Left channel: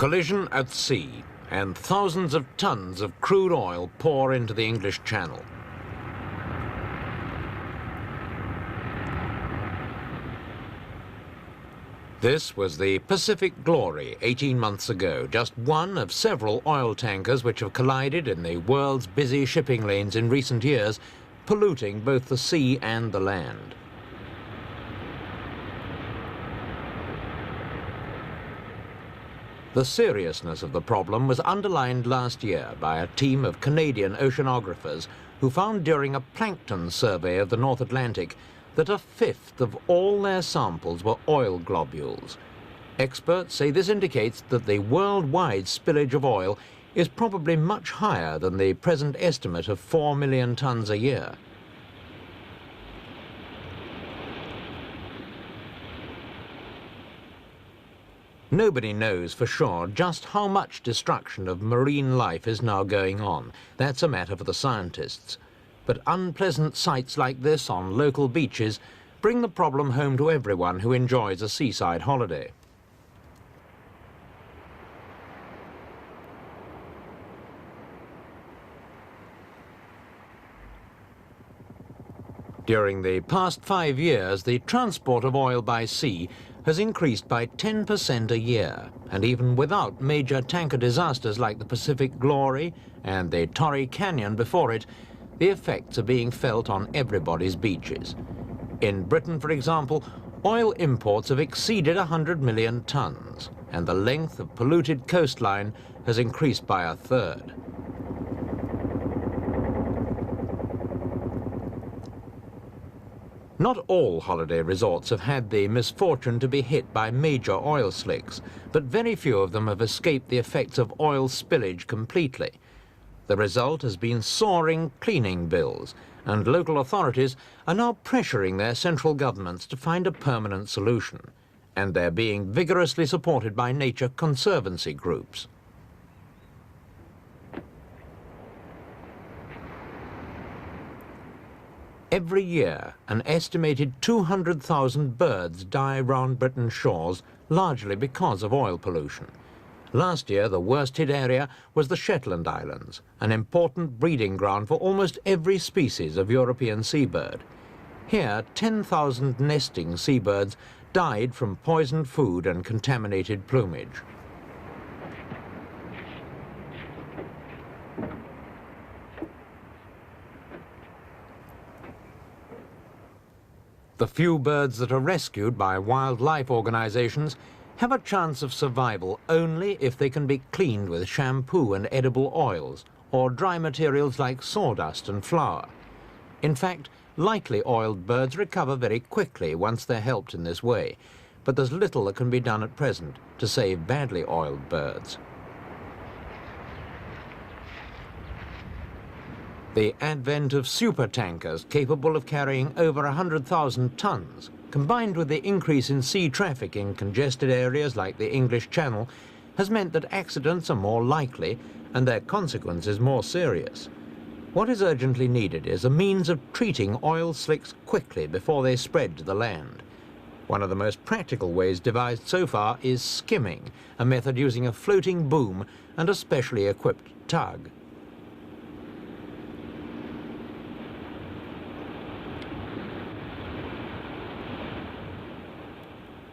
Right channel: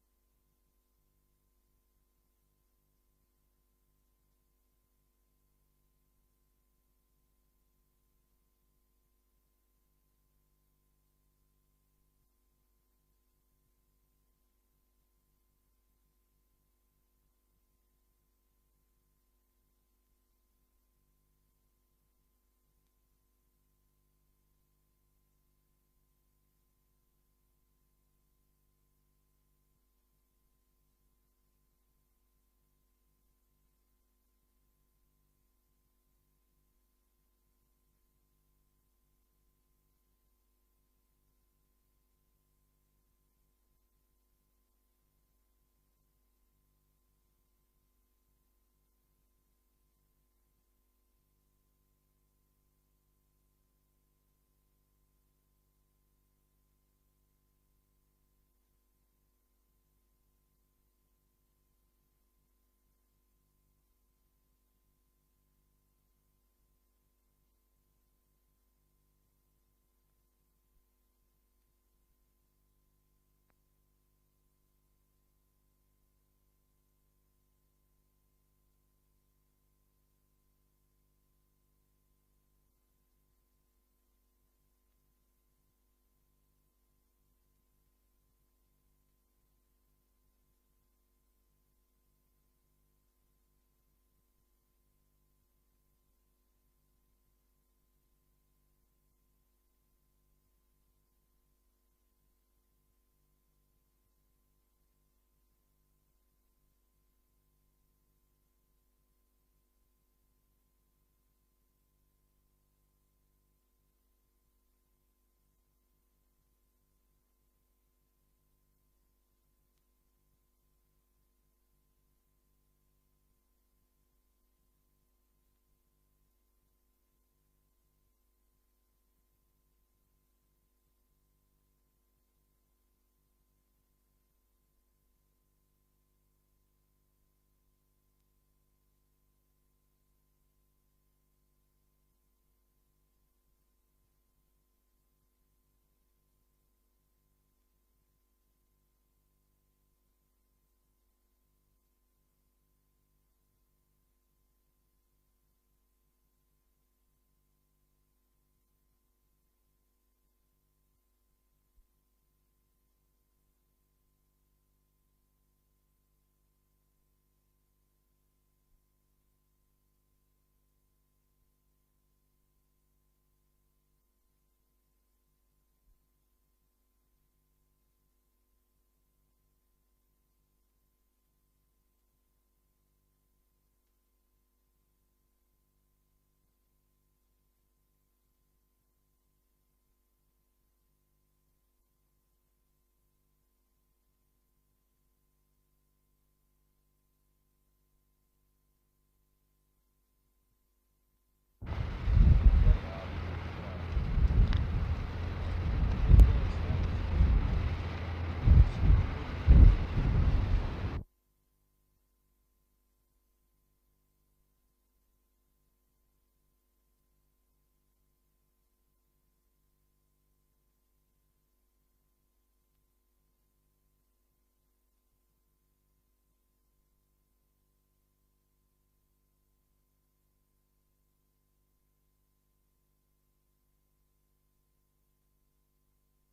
Collision at sea, and thousands of tons of crude oil pour into the English Channel. This was the Pacific Glory 18 months ago, just one of several oil tankers which have collided in the world's busy shipping lanes in recent years, polluting both the sea and the land. The seriousness of the problem was underlined last year by a team of Canadian oceanographers who found during a plankton survey of the North Atlantic that a fifth of all their samples were oil globules. Experts say this indicates that the worldwide spillage of oil is probably much higher than the present estimate of 4 million tons a year. Nobody knows for sure just how much destruction of marine life is now going on. That's a matter for the scientists. But unpleasant sights like this on local beaches bring the problem home to everyone who enjoys a seaside holiday. During the past 5 years, the transport of oil by sea has increased by 10% a year, and even without major tanker disasters like the Pacific Glory and the Torrey Canyon before it, the effects are being felt on everybody's beaches. In Britain, for example, oil imports have exceeded 100 million tons, and the length of polluted coastline has increased by a third. Not all holiday resorts have had the misfortune to be hit by major oil slicks, but very few of them have escaped the effects of oil spillage completely. The result has been soaring cleaning bills, and local authorities are now pressuring their central governments to find a permanent solution, and they're being vigorously supported by nature conservancy groups. Every year, an estimated 200,000 birds die round Britain's shores, largely because of oil pollution. Last year, the worst hit area was the Shetland Islands, an important breeding ground for almost every species of European seabird. Here, 10,000 nesting seabirds died from poisoned food and contaminated plumage. The few birds that are rescued by wildlife organizations have a chance of survival only if they can be cleaned with shampoo and edible oils, or dry materials like sawdust and flour. In fact, lightly oiled birds recover very quickly once they're helped in this way, but there's little that can be done at present to save badly oiled birds. The advent of supertankers capable of carrying over 100,000 tons, combined with the increase in sea traffic in congested areas like the English Channel, has meant that accidents are more likely and their consequences more serious. What is urgently needed is a means of treating oil slicks quickly before they spread to the land. One of the most practical ways devised so far is skimming, a method using a floating boom and a specially equipped tug.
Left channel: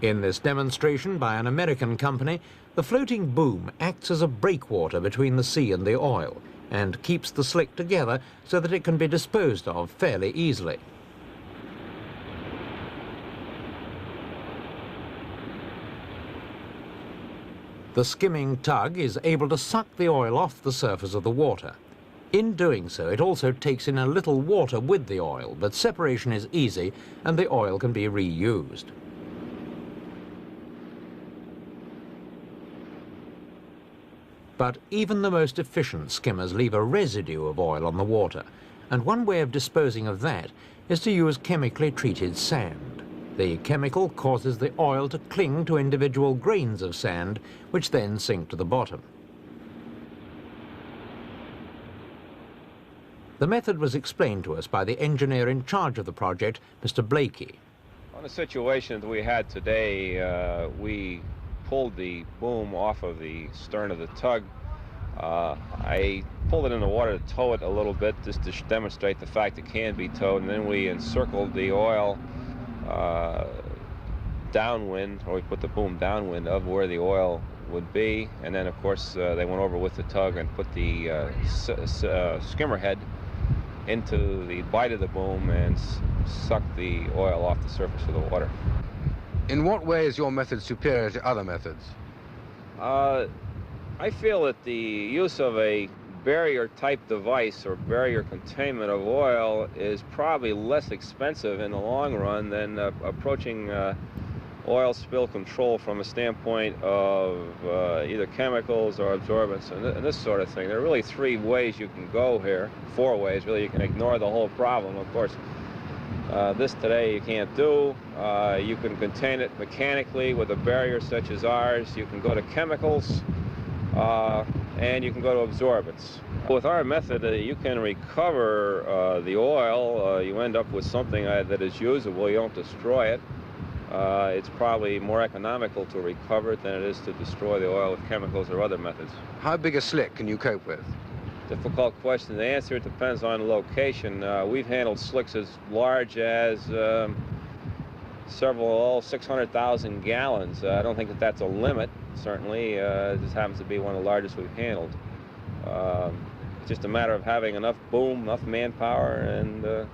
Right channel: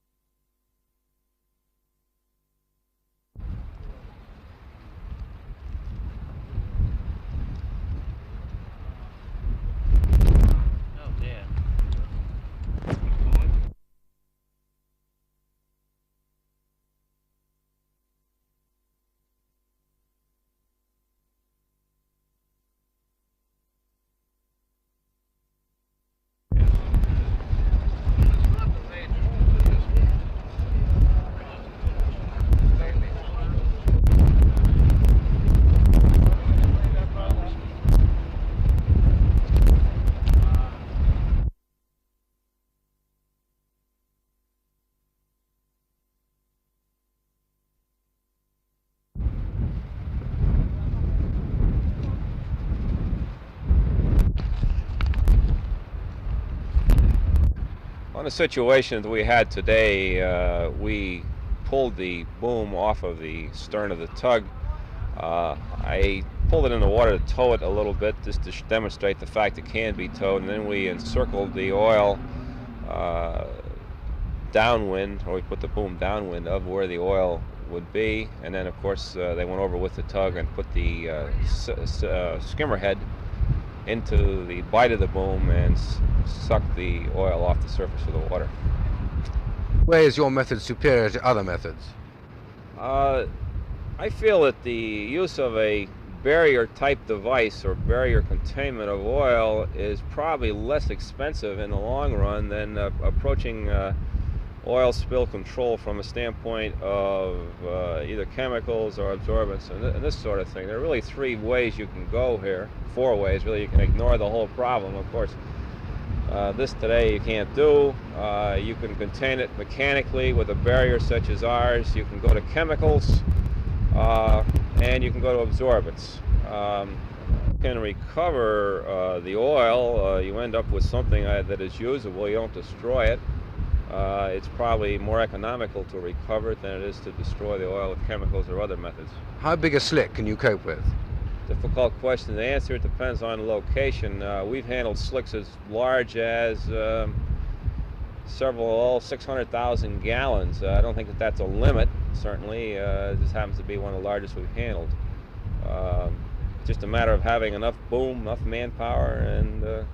In this demonstration by an American company, the floating boom acts as a breakwater between the sea and the oil and keeps the slick together so that it can be disposed of fairly easily. The skimming tug is able to suck the oil off the surface of the water. In doing so, it also takes in a little water with the oil, but separation is easy and the oil can be reused. But even the most efficient skimmers leave a residue of oil on the water, and one way of disposing of that is to use chemically treated sand. The chemical causes the oil to cling to individual grains of sand, which then sink to the bottom. The method was explained to us by the engineer in charge of the project, Mr. Blakey. On the situation we had today, we pulled the boom off of the stern of the tug. I pulled it in the water to tow it a little bit, just to demonstrate the fact it can be towed, and then we encircled the oil downwind, or we put the boom downwind of where the oil would be, and then of course they went over with the tug and put the skimmer head into the bite of the boom and sucked the oil off the surface of the water. In what way is your method superior to other methods? I feel that the use of a barrier type device or barrier containment of oil is probably less expensive in the long run than approaching oil spill control from a standpoint of either chemicals or absorbents and this sort of thing. There are really 3 ways you can go here, 4 ways really. You can ignore the whole problem, of course. This today you can't do. You can contain it mechanically with a barrier such as ours. You can go to chemicals, and you can go to absorbents. With our method, you can recover the oil. You end up with something that is usable. You don't destroy it. It's probably more economical to recover it than it is to destroy the oil with chemicals or other methods. How big a slick can you cope with? Difficult question to answer. It depends on the location. We've handled slicks as large as several 600,000 gallons. I don't think that that's a limit, certainly. This happens to be one of the largest we've handled. It's just a matter of having enough boom, enough manpower, and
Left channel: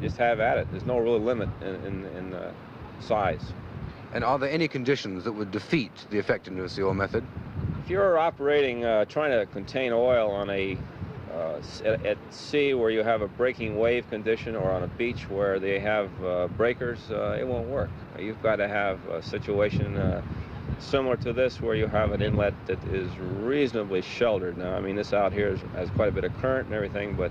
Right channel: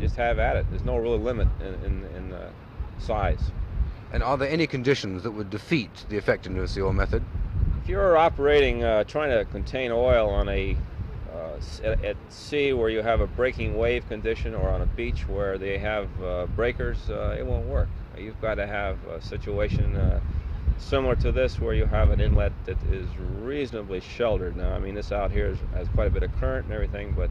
just have at it. There's no real limit in size. And are there any conditions that would defeat the effectiveness of your method? If you're operating, trying to contain oil on at sea where you have a breaking wave condition, or on a beach where they have breakers, it won't work. You've got to have a situation similar to this where you have an inlet that is reasonably sheltered. Now, I mean, this out here has quite a bit of current and everything, but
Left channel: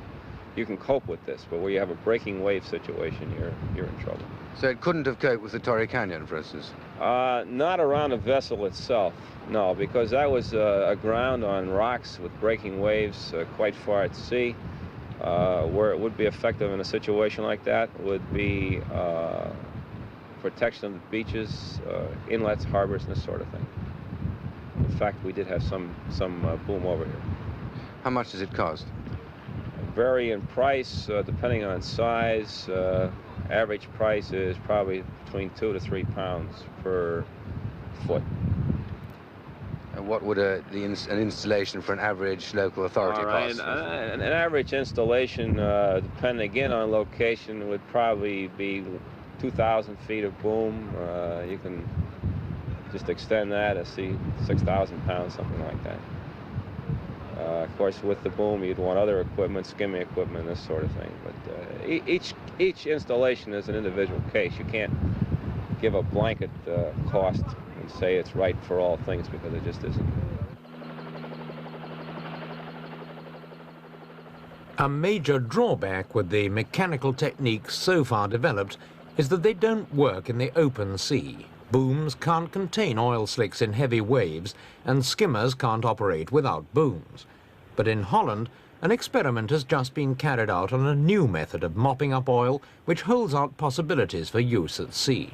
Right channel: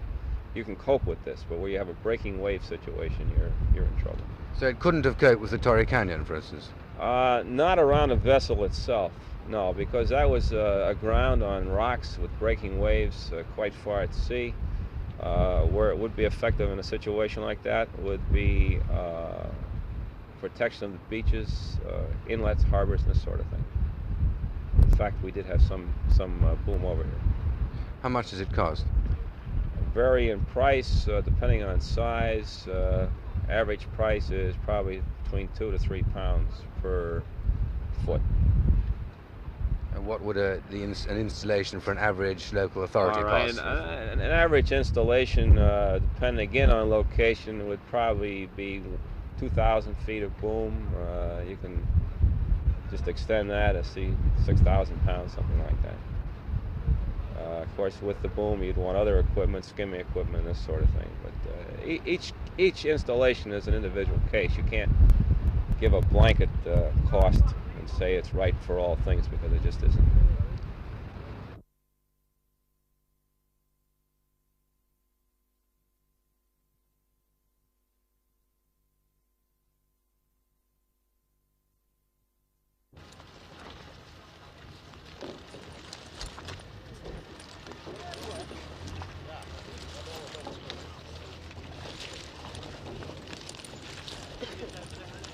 you can cope with this. But where you have a breaking wave situation, you're in trouble. So it couldn't have coped with the Torrey Canyon, for instance? Not around a vessel itself, no, because that was aground on rocks with breaking waves quite far at sea. Where it would be effective in a situation like that would be protection of the beaches, inlets, harbors, and this sort of thing. In fact, we did have some boom over here. How much does it cost? Vary in price depending on size. Average price is probably between 2 to 3 pounds per foot. And what would an installation for an average local authority cost? An average installation, depending again on location, would probably be 2,000 feet of boom. You can just extend that, I see 6,000 pounds, something like that. Of course, with the boom, you'd want other equipment, skimming equipment, this sort of thing. But each installation is an individual case. You can't give a blanket cost and say it's right for all things, because it just isn't. A major drawback with the mechanical techniques so far developed is that they don't work in the open sea. Booms can't contain oil slicks in heavy waves, and skimmers can't operate without booms. But in Holland, an experiment has just been carried out on a new method of mopping up oil, which holds out possibilities for use at sea.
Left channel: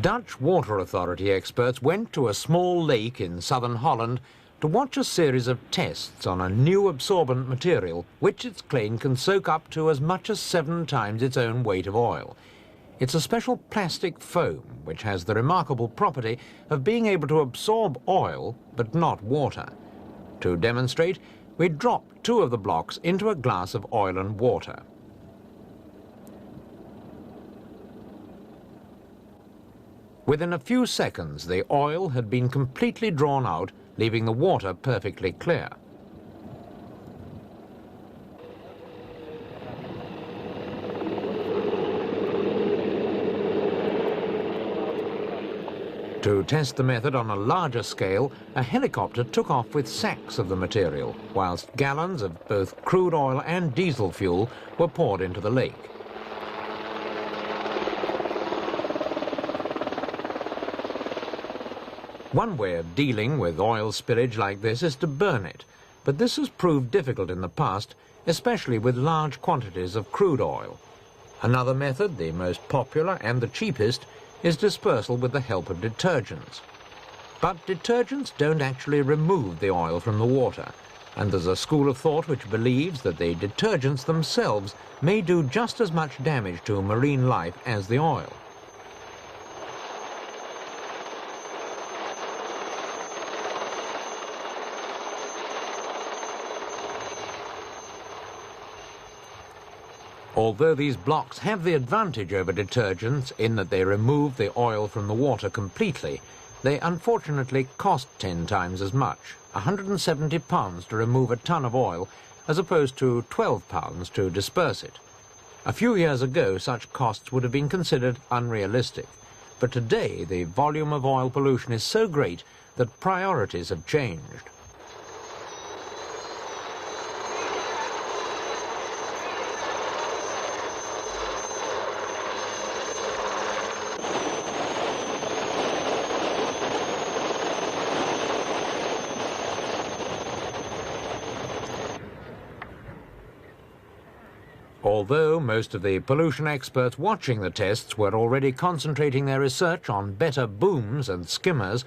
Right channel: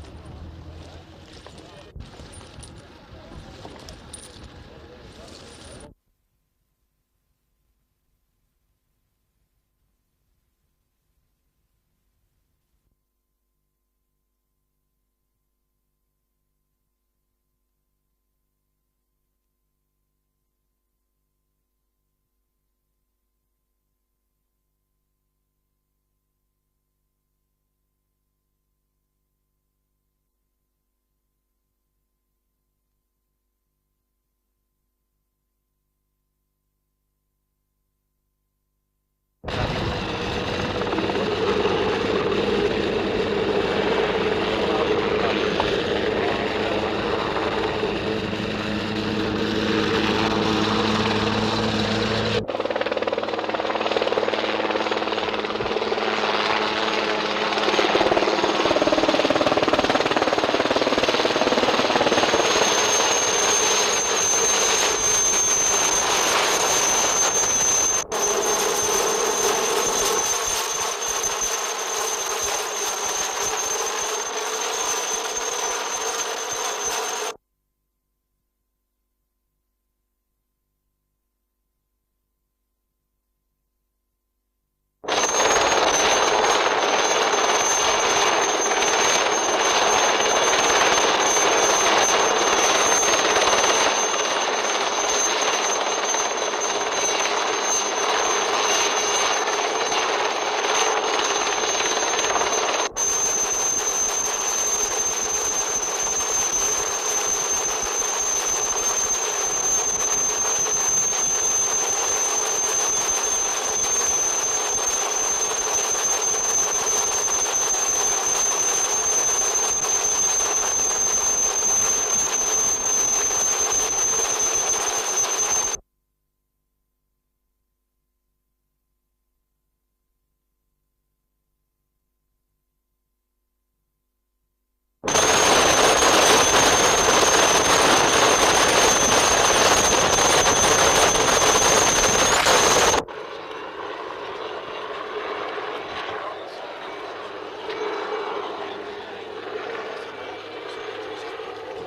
Dutch Water Authority experts went to a small lake in southern Holland to watch a series of tests on a new absorbent material, which it's claimed can soak up to as much as 7 times its own weight of oil. It's a special plastic foam which has the remarkable property of being able to absorb oil but not water. To demonstrate, we dropped 2 of the blocks into a glass of oil and water. Within a few seconds, the oil had been completely drawn out, leaving the water perfectly clear. To test the method on a larger scale, a helicopter took off with sacks of the material, whilst gallons of both crude oil and diesel fuel were poured into the lake. One way of dealing with oil spillage like this is to burn it, but this has proved difficult in the past, especially with large quantities of crude oil. Another method, the most popular and the cheapest, is dispersal with the help of detergents. But detergents don't actually remove the oil from the water, and there's a school of thought which believes that the detergents themselves may do just as much damage to marine life as the oil. Although these blocks have the advantage over detergents in that they remove the oil from the water completely, they unfortunately cost 10 times as much, £170 to remove a ton of oil, as opposed to £12 to disperse it. A few years ago, such costs would have been considered unrealistic. But today, the volume of oil pollution is so great that priorities have changed. Although most of the pollution experts watching the tests were already concentrating their research on better booms and skimmers,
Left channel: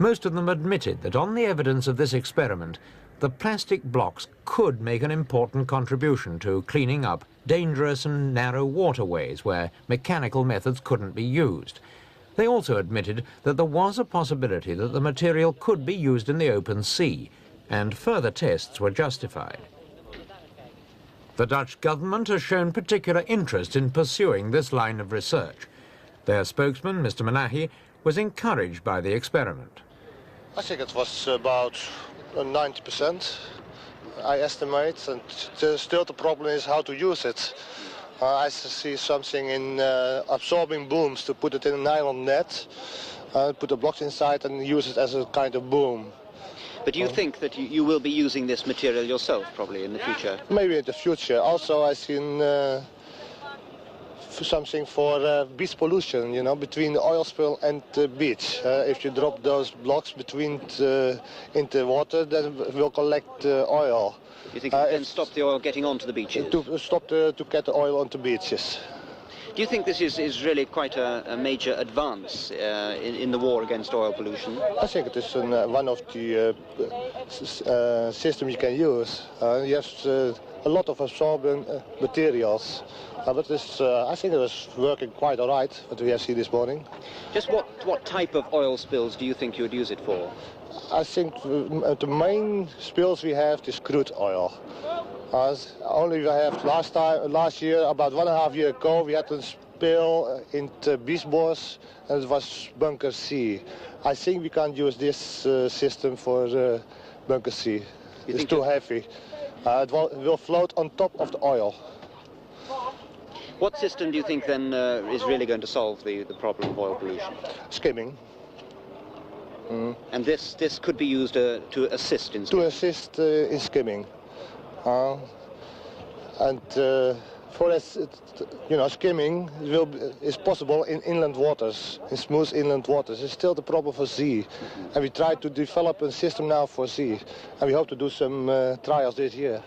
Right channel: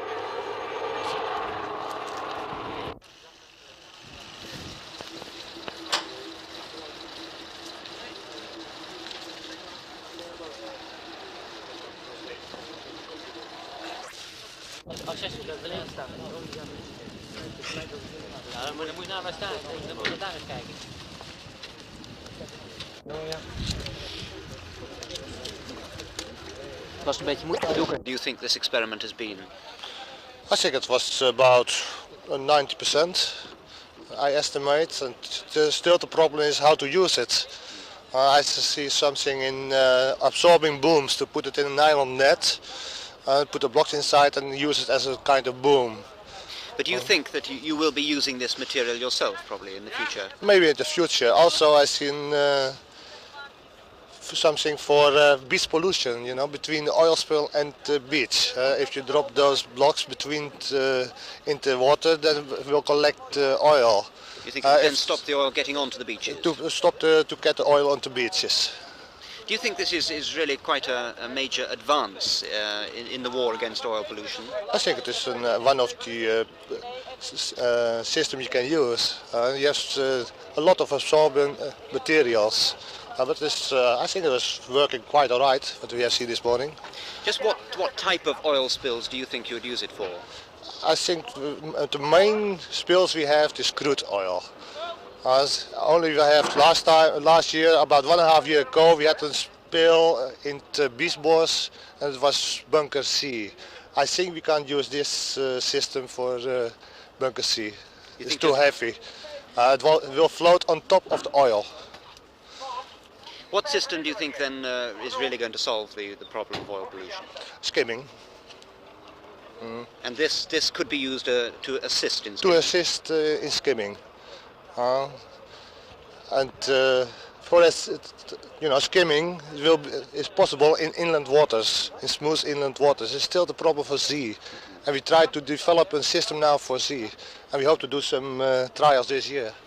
most of them admitted that on the evidence of this experiment, the plastic blocks could make an important contribution to cleaning up dangerous and narrow waterways where mechanical methods couldn't be used. They also admitted that there was a possibility that the material could be used in the open sea, and further tests were justified. The Dutch government has shown particular interest in pursuing this line of research. Their spokesman, Mr. Mahi, was encouraged by the experiment. I think it was about 90%, I estimate, and still the problem is how to use it. I see something in absorbing booms to put it in a nylon net, put the blocks inside and use it as a kind of boom. But do you think that you will be using this material yourself, probably, in the future? Maybe in the future. Also, I've seen something for beach pollution, you know, between oil spill and the beach. If you drop those blocks between into water, then it will collect oil. You think it will stop the oil getting onto the beaches? To get the oil onto beaches. Do you think this is really quite a major advance in the war against oil pollution? I think this is one of the systems you can use. You have a lot of absorbing materials. But this, I think it was working quite all right, what we have seen this morning. Just what type of oil spills do you think you'll use it for? I think the main spills we have is crude oil. Only we have last year, about 1.5 years ago, we had a spill in the Beachbos, and it was bunker C. I think we can't use this system for bunker C. It's too heavy. It will float on top of the oil. What system do you think then is really going to solve the problem of oil pollution? Skimming. And this could be used to assist in in skimming. For this, you know, skimming is possible in inland waters, in smooth inland waters. It's still the problem for sea. And we try to develop a system now for sea. And we hope to do some trials this year.